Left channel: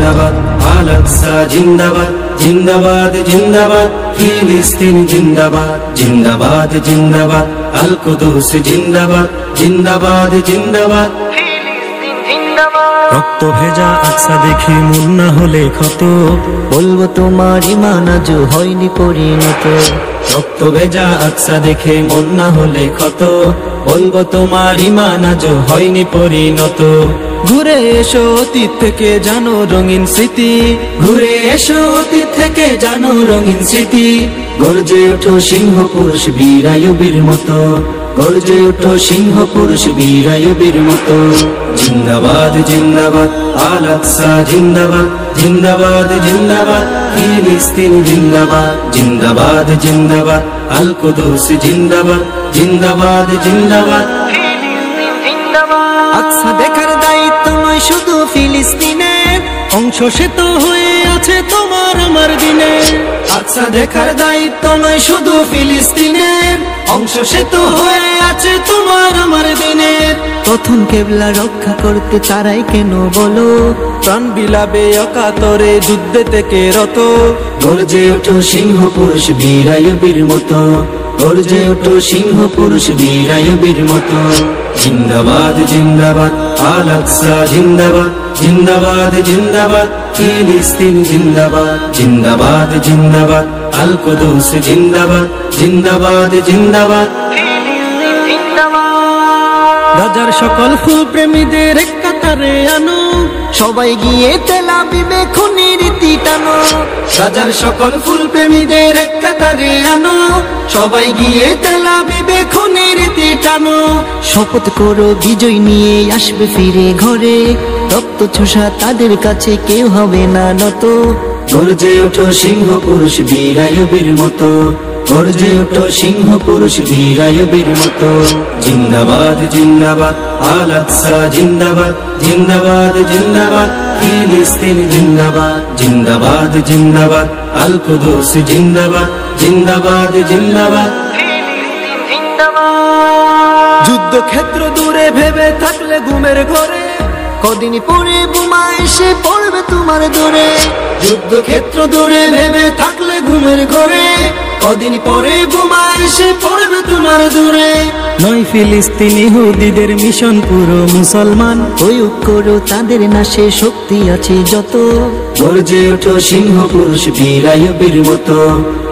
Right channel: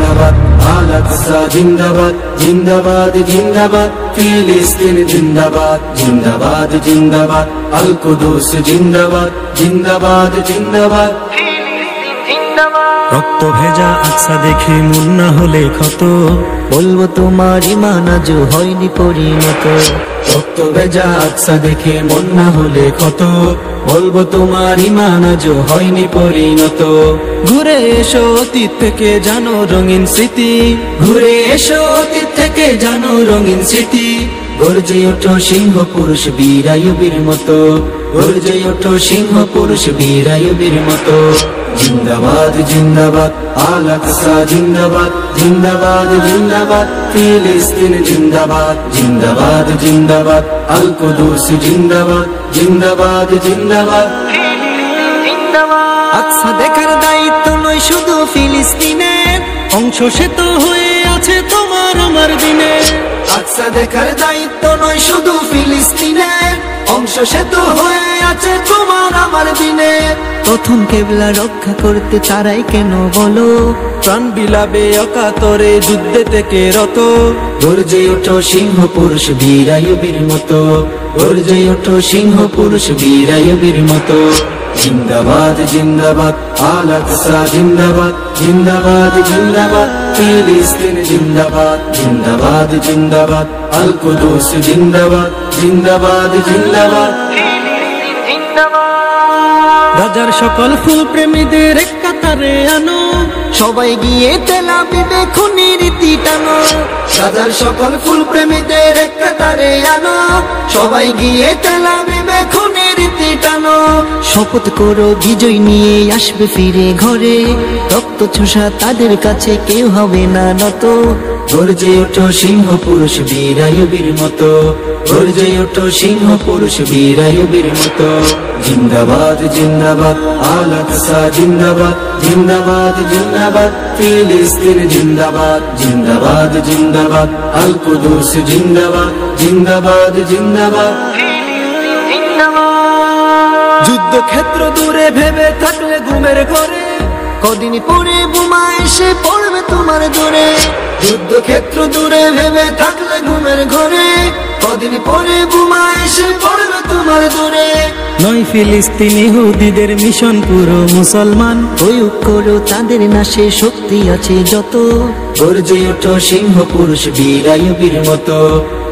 জিন্দাবাদ, আল আকসা জিন্দাবাদ, জিন্দাবাদ জিন্দাবাদ, ফিলিস্তিন জিন্দাবাদ, জিন্দাবাদ জিন্দাবাদ, আল কুদুস জিন্দাবাদ, জিন্দাবাদ জিন্দাবাদ, ফিলিস্তিন জিন্দাবাদ। রক্ত ভেজা আকসা দেখে মন না হলে ক্ষত, বলবো তোমার ঈমান আজও হয়নি পরিণত। রক্ত ভেজা আকসা দেখে মন না হলে ক্ষত, বলবো তোমার ঈমান আজও হয়নি পরিণত। ঘুরে এসো অতীত থেকে জানো রঙিন স্মৃতি, ঘুরে এসো অতীত থেকে জানো রঙিন স্মৃতি, গর্জে ওঠো সিংহ পুরুষ বীরায়ুবীর মতো, গর্জে ওঠো সিংহ পুরুষ বীরায়ুবীর মতো। জিন্দাবাদ জিন্দাবাদ, আল আকসা জিন্দাবাদ, জিন্দাবাদ জিন্দাবাদ, ফিলিস্তিন জিন্দাবাদ, জিন্দাবাদ জিন্দাবাদ, আল কুদুস জিন্দাবাদ, জিন্দাবাদ জিন্দাবাদ, ফিলিস্তিন জিন্দাবাদ। আকসা দেখার দায়িত্ব নয় শুধু ফিলিস্তিনের, অংশ সে তো হয়ে আছে তোমার আমার দিনে। আকসা দেখার দায়িত্ব নয় শুধু ফিলিস্তিনের, অংশ সে তো হয়ে আছে তোমার আমার দিনের। প্রথম কেবলা রক্ষা করতে তারাই কেন বলো, প্রাণ বিলাবে অকাতরে যুদ্ধে থেকে রত। গর্জে ওঠো সিংহ পুরুষ বীরায়ুবীর মতো, গর্জে ওঠো সিংহ পুরুষ বীরায়ুবীর মতো। জিন্দাবাদ জিন্দাবাদ, আল আকসা জিন্দাবাদ, জিন্দাবাদ জিন্দাবাদ, ফিলিস্তিন জিন্দাবাদ, জিন্দাবাদ জিন্দাবাদ, আল কুদুস জিন্দাবাদ, জিন্দাবাদ জিন্দাবাদ, ফিলিস্তিন জিন্দাবাদ। গাজার সকল ফুল প্রেমীদের এক কাতারে আনো, সবাই গিয়ে তেল আবিবে খুনির রীতি টানো। গাজার সকল ফুল প্রেমীদের এক কাতারে আনো, সবাই গিয়ে তেল আবিবে খুনির রীতি টানো। শপথ করো বিজয় নিয়ে আসবে ফিরে ঘরে, রক্ত ছোষা তাদের কাছে কেউ হবে না নত। গর্জে ওঠো সিংহ পুরুষ বীরায়ুবীর মতো, গর্জে ওঠো সিংহ পুরুষ বীরায়ুবীর মতো। জিন্দাবাদ জিন্দাবাদ, আল আকসা জিন্দাবাদ, জিন্দাবাদ জিন্দাবাদ, ফিলিস্তিন জিন্দাবাদ, জিন্দাবাদ জিন্দাবাদ, আল কুদুস জিন্দাবাদ, জিন্দাবাদ জিন্দাবাদ, ফিলিস্তিন জিন্দাবাদ। যুদ্ধক্ষেত্র দূরে ভেবে থাকলে ঘুমের ঘরে, কদিন পরে বোমা এসে পড়বে তোমার দূরে। যুদ্ধক্ষেত্র দূরে ভেবে থাকলে ঘুমের ঘরে, কদিন পরে বোমা এসে পড়বে তোমার দূরে। নয় ফিলিস্তিন ইহুদিদের মিশন পুরো মুসলমান, প্রয়োগ করো তাদের নাশে শক্তি আছে যত। গর্জে ওঠো সিংহ পুরুষ বীরায়ুবীর মতো,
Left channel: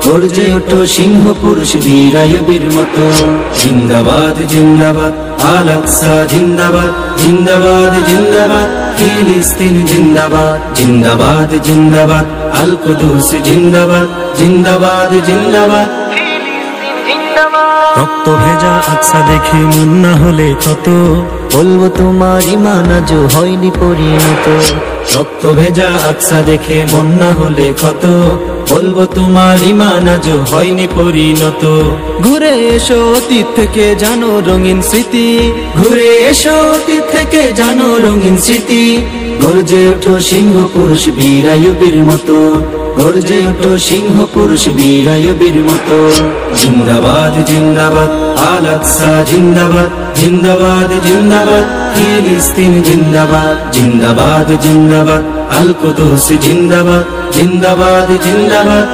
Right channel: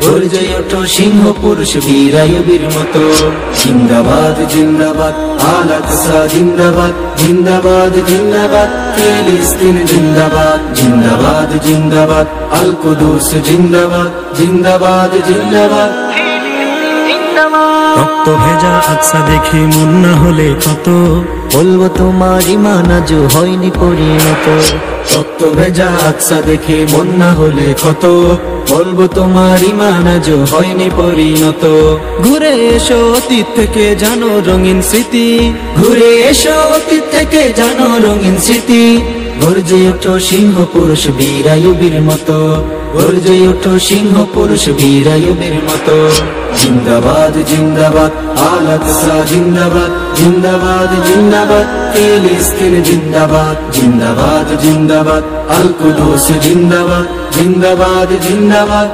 গর্জে ওঠো সিংহ পুরুষ বীরায়ুবীর মতো। জিন্দাবাদ জিন্দাবাদ, আল আকসা জিন্দাবাদ, জিন্দাবাদ জিন্দাবাদ, ফিলিস্তিন জিন্দাবাদ, জিন্দাবাদ জিন্দাবাদ, আল কুদুস জিন্দাবাদ, জিন্দাবাদ জিন্দাবাদ, ফিলিস্তিন জিন্দাবাদ। রক্ত ভেজা আকসা দেখে মন না হলে ক্ষত, বলবো তোমার ঈমান আজও হয়নি পরিণত। রক্ত ভেজা আকসা দেখে মন না হলে ক্ষত, বলবো তোমার ঈমান আজও হয়নি পরিণত। ঘুরে এসো অতীত থেকে জানো রঙিন স্মৃতি, ঘুরে এসো অতীত থেকে জানো রঙিন স্মৃতি, গর্জে ওঠো সিংহ পুরুষ বীরায়ুবীর মতো, গর্জে ওঠো সিংহ পুরুষ বীরায়ুবীর মতো। জিন্দাবাদ জিন্দাবাদ, আল আকসা জিন্দাবাদ, জিন্দাবাদ জিন্দাবাদ, ফিলিস্তিন জিন্দাবাদ, জিন্দাবাদ জিন্দাবাদ, আল কুদুস জিন্দাবাদ, জিন্দাবাদ জিন্দাবাদ।